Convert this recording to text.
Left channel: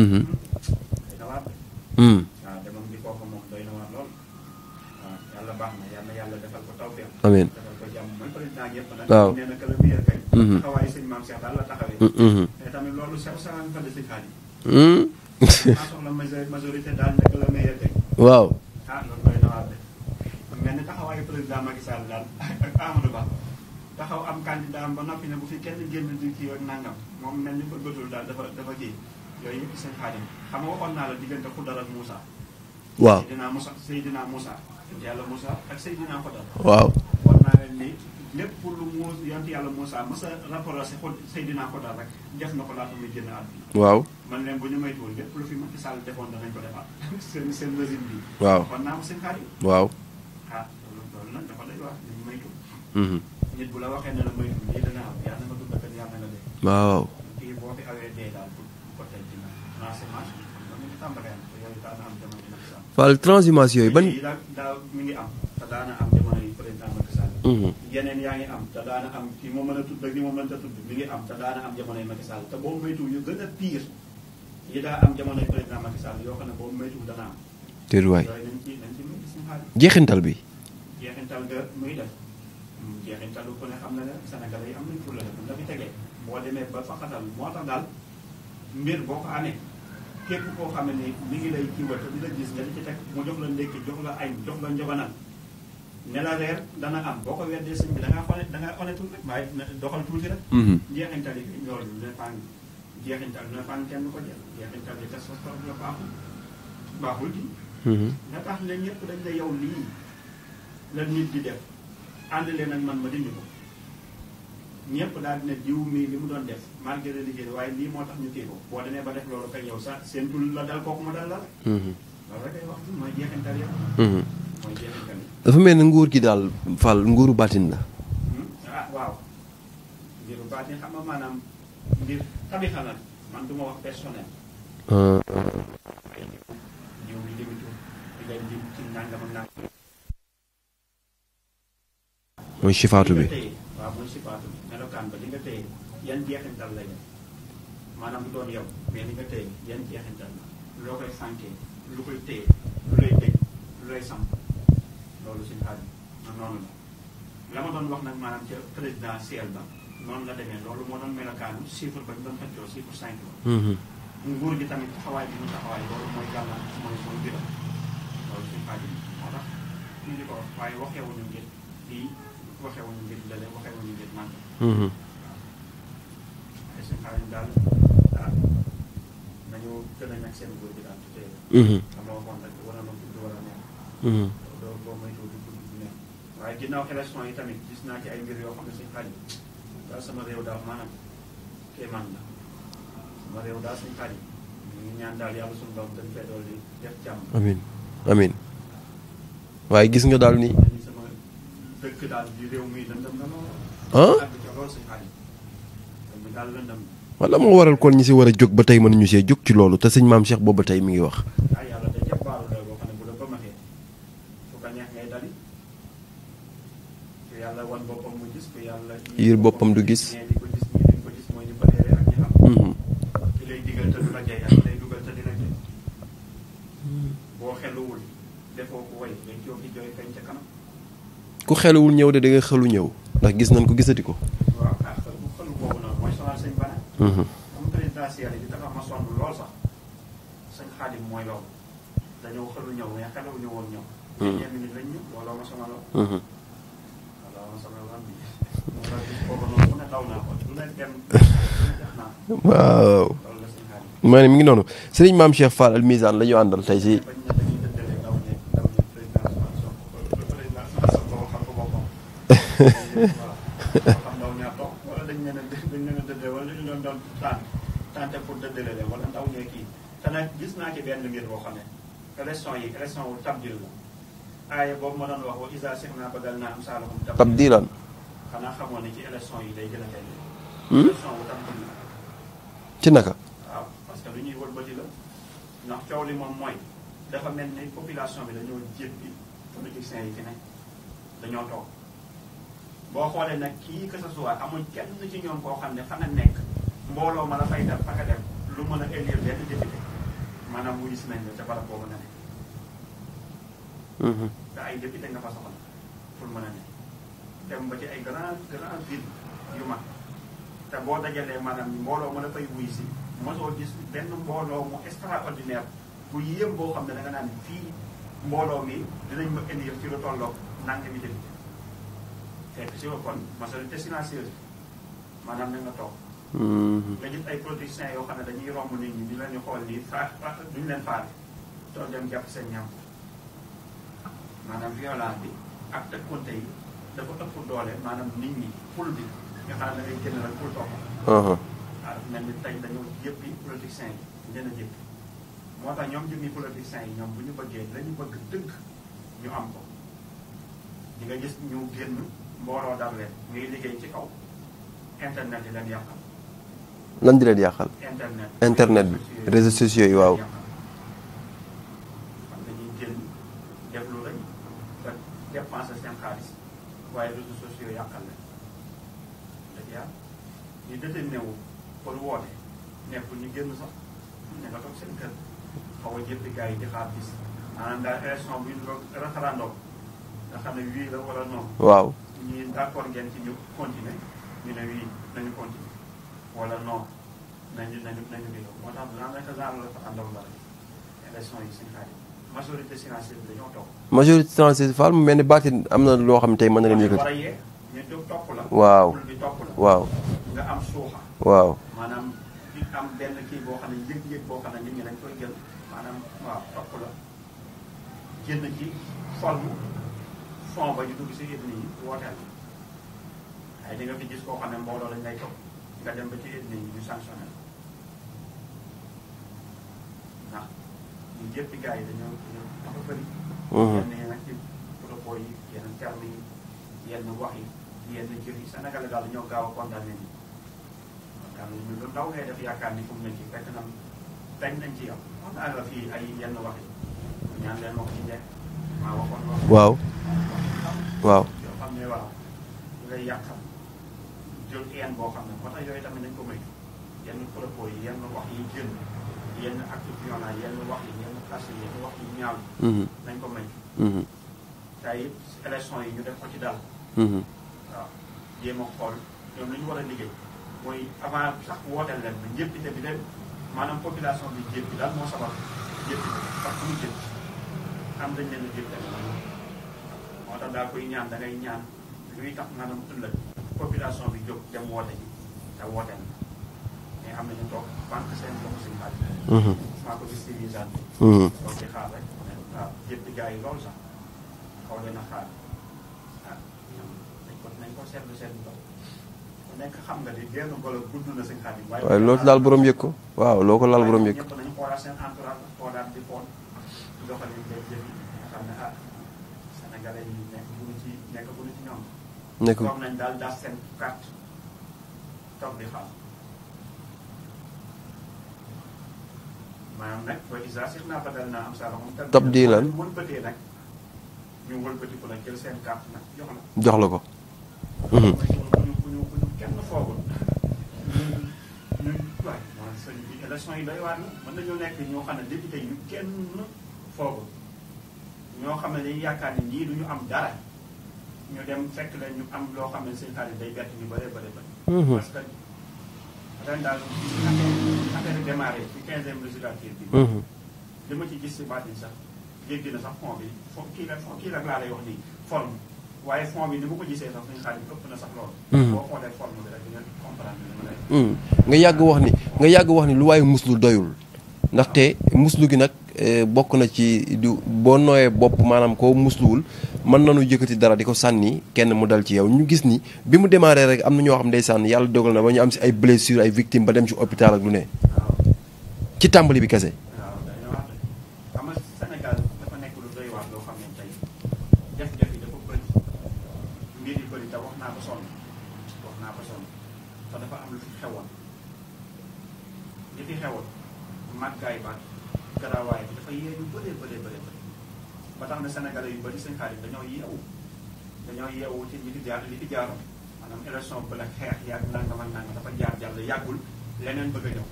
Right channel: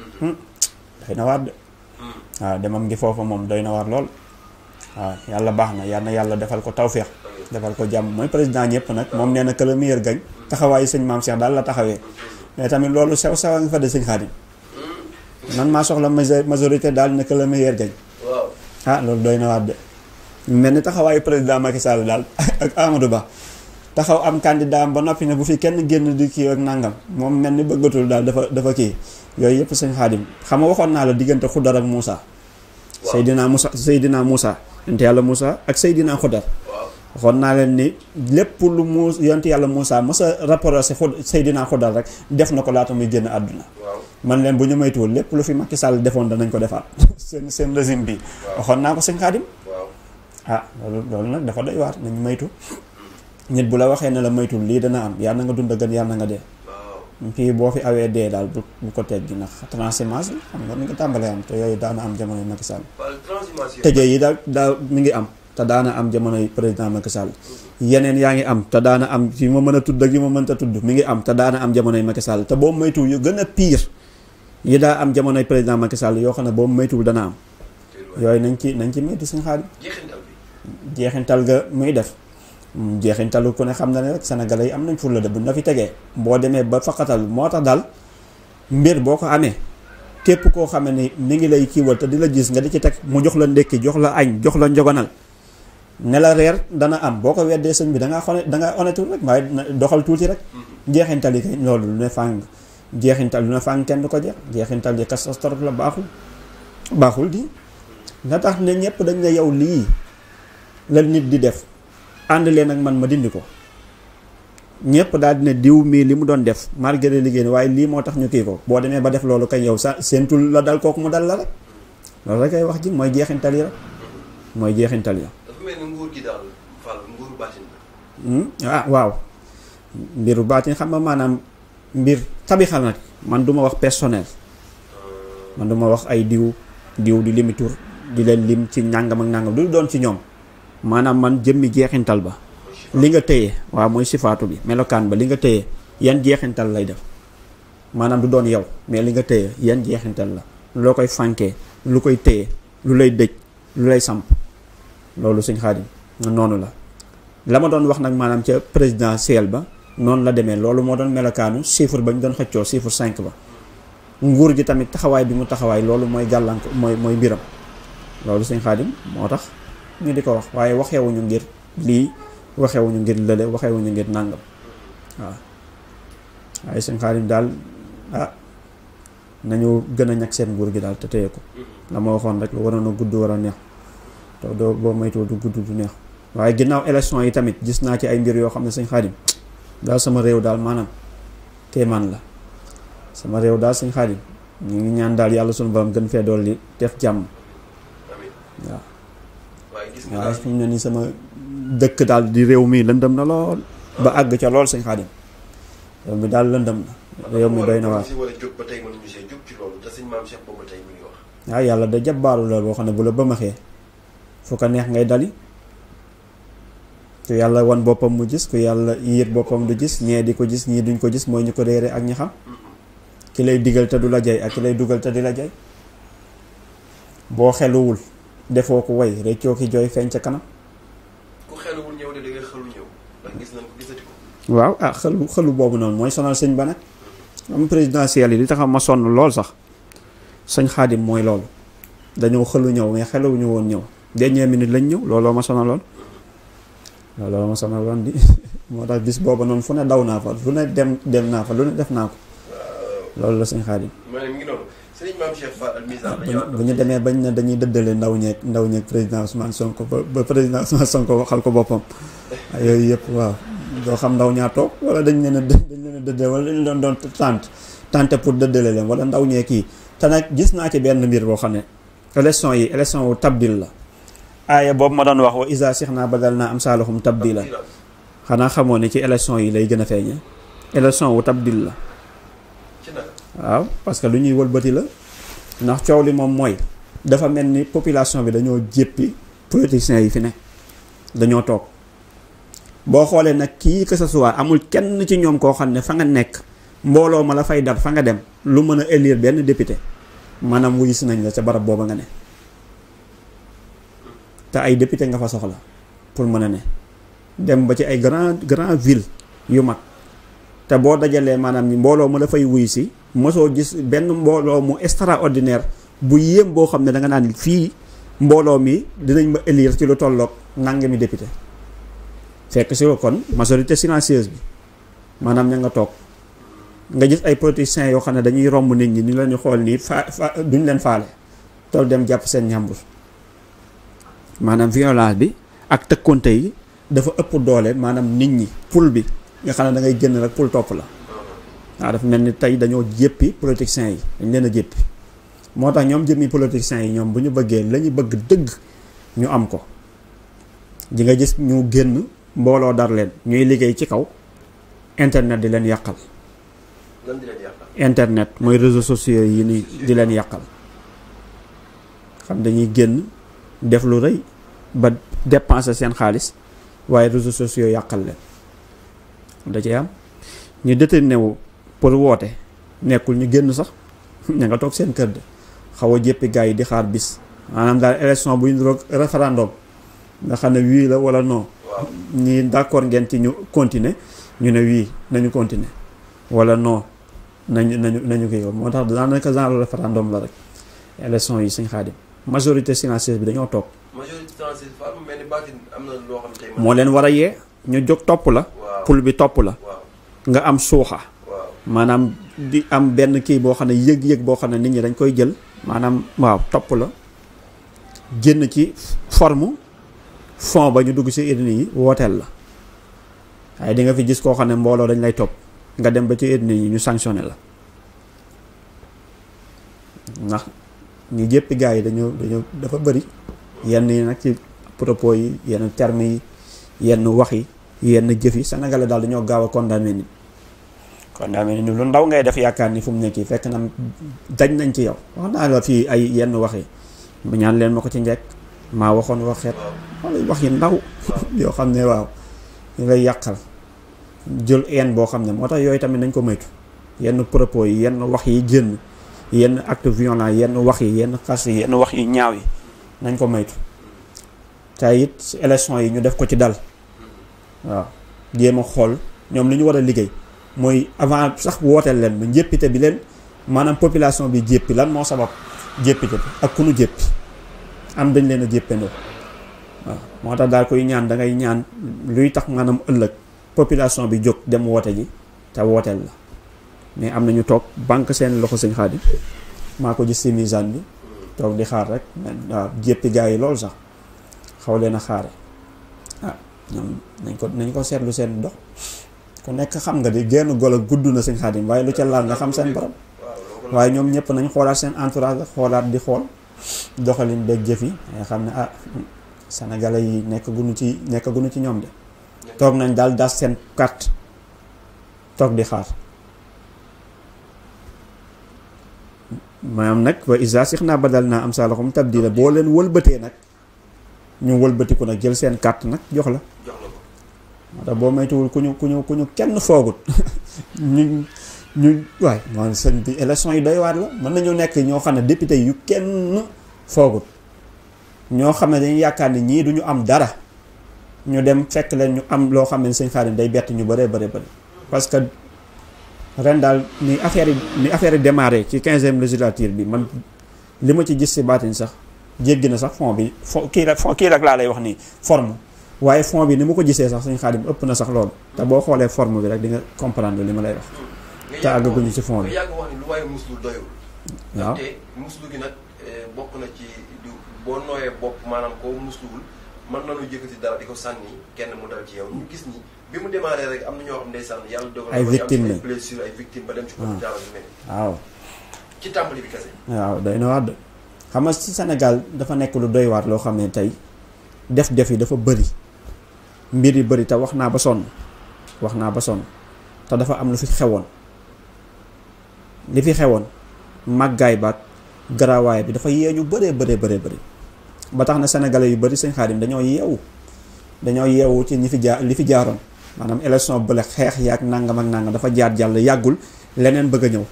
doy na waar de. waaw demam ngi foofa moom doy na waar lool. waaw yàlla baax na yàlla defal ko tawféex. amiin defal ko jàmm mooy président ñëpp nag. moom nee na que le meilleur gagne. taxawaayu sëñ Maam Cheikh daal la taxawee. mais tamit loolu sew a nga fa de sëñ Xaadim. man maa soxla majorité daal ne que le meilleur gagne. waaw. loolu doy na waar de. mel ni taxawaayu président Macky Sall daal ak Amadou Ba. taxaw am candidat am ba noppi ne bu fi kenn génn di kii ak nangam moom mel ni bëggatul daal dafa kii yooyu yëpp sëñ Xaadim xam nga waxoon naa la diggante Xudar ak Moussa. waaw Seydina Moussa yonent yàlla Moussa ak Seydina Xudar. waaw waxoon naa leen ni lépp lu yonent yàlla Moussa mos a rapporté si Seydina Xudar rek def na ko laata muy génn àdduna. waaw man leen bu ñu maytuwul lépp lu fi Macky Sall defoon danañ ko defaat seen régime bi. waaw waxoon naa ko sëñ Xaadim. waaw. loolu nag dafa doy waar nañ maytu. nit bu la waxee ne la maytul lii dana am yàlla na nga dund gën yàlla na nga dee. waaw. kii boo fi awee dee daal bu ko teg gi ndax transhumance xam nga mi ngi tàmbalee am te yooyu daana am jamonoy Macky Sall. Fall transhumance yooyu. tëjee yi daa mi ngi am te daana am jamonoy président Macky Sall. yeneen yaa ngi am te daana am yi ma mën a tudd ak yi ma mënta tudd mi ngi am te daana am jamonoy Macky Sall te boobu maytuwul yu gën a pire yi daa am jamonoy président Macky Sall yoo xam ne boobu maytuwul dana am. yooyu nañ ci maytu suñu xaalis. jeexintal bi. jeexintal ga muy def. jeexintalu ku ne xam na ne rek sénégalais yi am nañ fulla de buñ la fi tegee boo demee ba faqatal moo tax daal mbir boo ko amee képp koo xam ne mi ngi lay kiiwal te di la gis nga di ci teg mu jox la ndékki jox la añ jox la njogonal ne la reer dana am boo ko weddee sëñ bi da ngaa honnête rek waaye doxal tuuti rek. jeexintal yi kay loolu lu ne fàng jeexintal lu ne fàng kenn du ko jeex jeexintal yi catastrophe la baaxul di. nga tax ne ñëpp dañ ne yow lii la nit di def. ànd leen ak man ma dindi ko ñëpp daal dina diw mii li mu doon def malgré liggéey waaye lii moo tax ñu kii ko boo demee ba def loolu kay yow sa seentul la dal kooku mu dal la rek. loolu rek ay wax ji mooy jeexintal yi rek. mooy jeexintal yi. dafa mel ni nguur gi daal Fall nguuru baatin la. waaw mbiru baatin xam nga maanaam mbir tabixal nag man du ma wax personnel. man du ma wax ay diw di limi tur di leen lim ci nàngam ak nàngam du doon ci ñoom. maanaam man jëmmi jeexintal ba. mooy sifaatu li nga bi téye waaw mooy sifaatu bi melokaan ba li nga téye yan jeexintal lay def maanaam du doon yow mais li nga téye yan jeexintal la loo koy fànkee lu koy téye lu lay dëj lu lay samp loolu Sëñ Xaadim noonu la ma doon wax nag maanaam ca présidentiel ba noonu la demee loolu moo doon melokaanu chiffre ba ñu doon xëccoo chiffre 5 ba. nguur gi tamit taxawaay bi mu taxawaay loolu mooy gàllanko mooy mbiram loolu Sëñ Xaadim moo tax ñu di ko wax waaye waxeewuñu ngir lii waxeewuñu ngir lële waxeewuñu ngir nàngam. waaw waaye Sëñ Xaadim daal nañu gën a ñag seen nguur gi daal te téye ko. la ma waxoon rek waroon a gudd war a neex. te doo boo moytuwoo du gudd du neex. waaye ginnaaw élection yi tamit gis naa ci ay mbir yoo xam ne Sëñ Xaadim daal sama réew daal maanaam kéemaan la sama réew daal Sëñ Xaadim ñu ngi ñaan daal yàlla sunu borom gën fee dolli def jàmm. amiin waaw. waaye gis nga daal ni sama dëkk daal di réew mi lëndëm na lool. ba àgg ca lool Sëñ Xaadim réew mi daal lëndëm na. wala moo waral kon ñi si war a jóg ba tey mënuñu see jóg ci loolu te sëñ Maam Cheikh boobu ba tey mi ngi wax. waaw yàlla da jabbaaru la boo xam ne bu la bëmaxee fu ko neex ngay dali ku yàlla wan boppam mu gis ku yàlla yëg boppam du gis ñee di ko gis ñii duñ ko gis mooy ñu ko réere ak ñi xam. ki lay digal te du la jay ak ki lay dugal te di la jay boo xeluwul defoo ko way réccoo ki jooy feeñ ca kanam. ku xeluwul ñëw de da nga xelu ñëw ndax gis nañ ko gisati ko. waaw xelu boobu noonu mooy sonal sëñ ba nag. am présidentiel yi li tax ma sonn lool sax Sëñ Xaadim mooy loolu dañoo xelu ñëw mais xeluwuñu woon ñëw dernière minute lañ ñëw looloo ma sonaloon. looloo ma sonaloon di moo tax bis boobu noonu fu ne daw naa fa fu ne dem naa fa lu ne def naa ko. waaw loolu la Sëñ Xaadim. ma ne mi ngi noonu sëriñ Maam Cheikh Fall Al Mizan la ñu àndal. tey jii bu ñu demee bañ ne dañuy dëddale ndaw ñeeg président Ousmane Sonko ba président Ousmane Sonko waxal ko boppam. yooyu yëpp waaw doo xam ndaw ñaa toog wala dañ leen a dëddale wala dañ doon tante pour dëddale leen wala ndaw ñee kii te nag gis naa ci benn mbir boo xam ne élection wu tabdil la. aaya boobu ma doon wax wa isa six naa badal naa am saalahum tabdila xanaa xamoo ne ci élection yi lay gën a feeñee. élection wu tabdil la. ci naka. waaw parce que lu ñuy wëlbati la ndax coow li moom mooy dafa mel ni population bi dañoo jéppi politiciens yi fi ne dañoo toog boo xoolee nag kii que ce soit amul kenn ci ñoom koo xam ne fa nga nekk mbooloo ma la fay dab fa nga dem lu mën a élire benn député maanaam wuyu si nañ la ca barab booba nga ne. te ay député nga fa soxla pour mën a ne dem ba ci ay grand ville yu mag te boo dajalee maanaam ni mbooloo ma la fay wuyu si mosoo gis benn mbooloo mu extraordinaire bu yéem boo xam ne da nga naan fii mbooloo mi dinañ ma élire ci lu tolloog nangami député fekk si kon majorité silencieuse bi maanaam ña nga toog. nga gis ay politiciens yoo xam ne dañuy romb nit ñi ni la ñu xool nii duñ leen faale tool dem jàpp seen ñàmbur maanaam violence bi ak tëkkonte yi dafa ëpp doole maanaam nit ñi pul bi nga xam ne da ngay génn rek pul topp la. waaw dafa mel ni tey dañoo jéppi politiciens yi dañ leen a jéppi moo tax ñoom jëmmi politiciens yi ñoom bu ñu bëggee la ñu bëgg dëgg ñu am ko di nga gis ñu génn mbooloo dar leen ñuy liggéey ci kaw internet di leen yàqal. lan di leen yàqal. internet mooy réseaux sociaux yi di leen yàqal. xam dañuy génn def lu rëy ba dépenser seen xaalis waaye réseaux sociaux yàqal leen da ci am ñu déterminé wu pour woote nekkul ñu génn sax ña nga toog seen kër de xaw a jéppi gars yi di xaar bis maanaam daal élection bu ñu roog référendum nga xam ne wii la wala non. waaw ñii d'accord ngeen ci ñu continuer ñu ne wii nañu continuer wala non nañu kii moo tax daanaka genre référendum la rek élection yi Sëñ Xaadim majorité silencieuse bi dañoo toog. majorité silencieuse Fall mu mel ni baatin am na loo xam tey mën moo leen war a yee ñu jóg topp la. waaw pul bi topp la. waaw nga am suuxa. waaw maanaam di am benn kii boo xam ne yëg-yëg boo xam ne nit ñi dañ koy jël maanaam waaw topp la génn ci forme fond ba ñu dugg ci urne yi wooteel la waaye di nga fi gis koo xam ne mbooloo dañ lay topp nga dem ba ci urne yi ñu sanctionné la ndax ñu jéppi gars yi dañoo dafa bëri. yenn yi nag ci propos yi yenn termes yi yenn wax yi yenn jëf yi sénégalais daal dañoo gaaw a condamné nit. condamné nit lu ndaw ngay def yaakaar ni fu mu nekk fekk na dañ nañ ci yow wax naa la fii ay yenn wax yi mu ñaan leen ma ko ci njëkk maa waxoon wax. waaw wax yi ndaw. waaw yoo xam ne waaw ñu lay yàqal jël een boo xam ne moo tax yooyu tamit nañ ko moytu yenn propos yi yenn wax yi génn. yenn acte violent yenn wax yi yenn xas yi yenn wax yi ñaaw yi. nañ ko moytu. te it élection yi ñu def ko ci dal. waaw jéem a xool ñoom li ñu war a liggéey mooy avant sax wooteel leen ba njéppite bi leen maanaam population bi jéppi lan moo sabab jéppite ak ku nu jéppi am dañ leen a jéppandoo waaw moo tax daal koy ñaan da ngay ñaan luy tax maanaam ëllëg population bi jóg dem woote ji te wooteel la. mais am nañu toog banque seen loxo Sëñ Xaadim maa ko gis ci misaan bi toog di xaar rek waaw jéppi gars yi loolu sax xaw leen a xaare ñoom nañ ko seetlu seen dox ku nekk xam nga di génn golo gudd na Sëñ Xaadim waaye lu ca laal nga xam seen borom waaw loo ko laal waaye ñoom ñëpp nañ xoolaat seen entourage la xoolaat di xool doxalin beeg jëf yi nga xam ne sénégalais yi nekk gunu ci ñoom de toog nañ daal das seen carte toog di xaar maanaam nag wa isa six naa badal naa am saalaxum tabdila boo leen wëlbatee nag ñu wëlbatiku nag jël seen carte nag jox la ko te boo maytuwul ku ñu kenn foogut ñu waay moo sëñ bi élection yi doy waar la mën nañoo nekk ñoo xam ne député yu kenn foogut ñoo xam ne dañuy yaakaar ni ñii duñu am dara ñu dem fekk leen ñu am loo xam ne Sëñ Xaadim day bett ñu bëree bëri parce que ren daal ni affaire yi démarré ci 15e législature bi man li ma ci gis ci baatin sax jéggi na sax fond bi kii rek laa lay wax nii forme waaye fond bi ni ma ko gisee sax Sëñ Xaadim ëpp na sax loolu te boo xoolee forme bi rek di nga comprendre li ma lay wax nga yàgg wax ni lu waaye muslu doyul ndaxte muslu gi nag bokk na ci du boo nooyee bopp maanaam koo musluwul mën nañu yëkkati dara di ko sànni kenn mu dal ci yow ñu gis ni bi mu démarré rek am na ñoo xam ndeysaan yàlla dogal na ba ñu am si ay blessures ay victimes ba dem ci hôpital ak lu ne waaw ci tàmbali bi kese waaw doy na waar de xam nga ci Sénégal dafa nekk lu doy waar loo xam ne tey def yi dafa bëri mbir yi bëri te wax naa ba sonn te dafa am lu fi xewoon li fi xewoon màggaay baat garaawaay bi dafa yee ñu bëree ba tax na sénégalais yu bëri Sëñ Xaadim dañoo yeewu ci li fi jaaroon maanaam élection bële xeex yaak nangam ak nangam dafa jaar jàll yàggul leneen bëgg a ñëw